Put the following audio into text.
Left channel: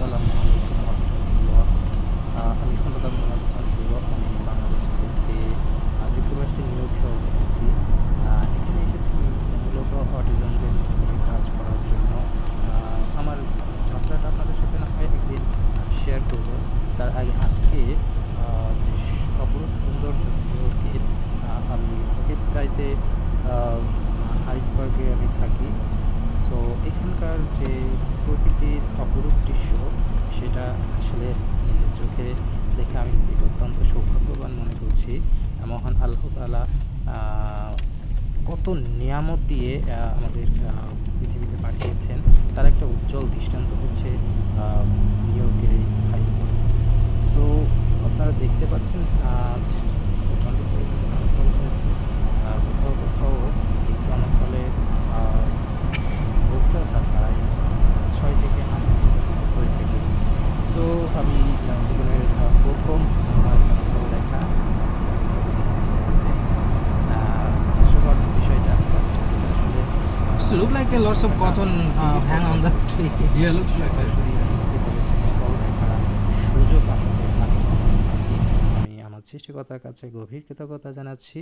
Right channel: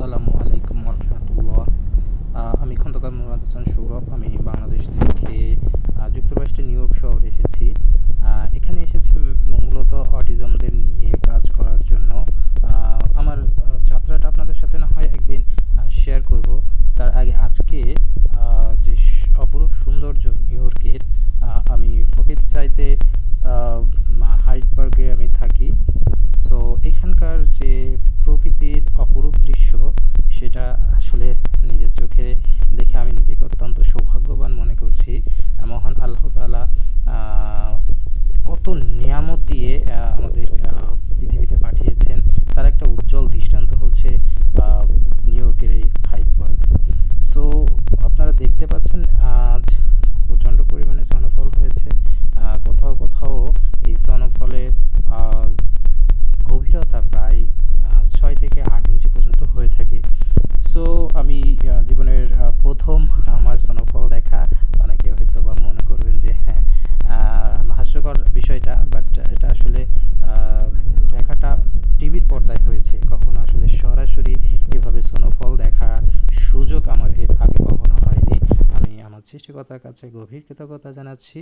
আসসালামু আলাইকুম রহমতুল্লাহ। আমি খন্দকার মোহাম্মদ হাসান সৌরভ। আমি বাংলাদেশ থেকে যুক্তরাষ্ট্রের নিউ ইয়র্ক শহরে এসেছি। এখানে এসেছি মূলত অটিজমদের নিয়ে কাজ করার জন্য। আমার যাত্রাটা আপনাদের সাথে না হয় একদিন শেয়ার করব। তার আগে আজকে যে অপরূপ সৌন্দর্য নিউ ইয়র্কের, আমি ফকির চাইতে হাইড পার্কে আমি থাকি। সো এখানকার যে প্রকৃতির অপরূপ দৃশ্য, সেটা আসলে নিজের চোখে দেখে আমি নিজেকে অত্যন্ত সৌভাগ্যবান মনে করছি। মহান আল্লাহ তাআলা কত নিয়ামত দিয়ে আমাদের পৃথিবীতে পাঠিয়েছেন, তার একটা উজ্জ্বল দৃষ্টান্ত হচ্ছে নিউ ইয়র্কের এই হাইড পার্ক। সো আপনারা দেখতে পাচ্ছেন আজ প্রচণ্ড পরিমাণে স্নোফল হয়েছে। কোথাও কোথাও এই স্নোফলের গভীরতা প্রায় 6 থেকে 8 ইঞ্চি পর্যন্ত হয়ে থাকে। সো আমি জীবনের প্রথম আমার স্নোফল দেখা। অনেকে হয়তো বা মনে করবে যে হাস্যকর বিষয়টা, বাট এটা আসলে So look like a lots of cotton hung on the tree. Yeah, looks like that. সরাসরি এভাবে স্নোফল দেখার সুযোগ আমাকে আগে কখনো হয়নি। আমি আমার সৃষ্টিকর্তার কাছে গভীর কৃতজ্ঞতা জানাচ্ছি।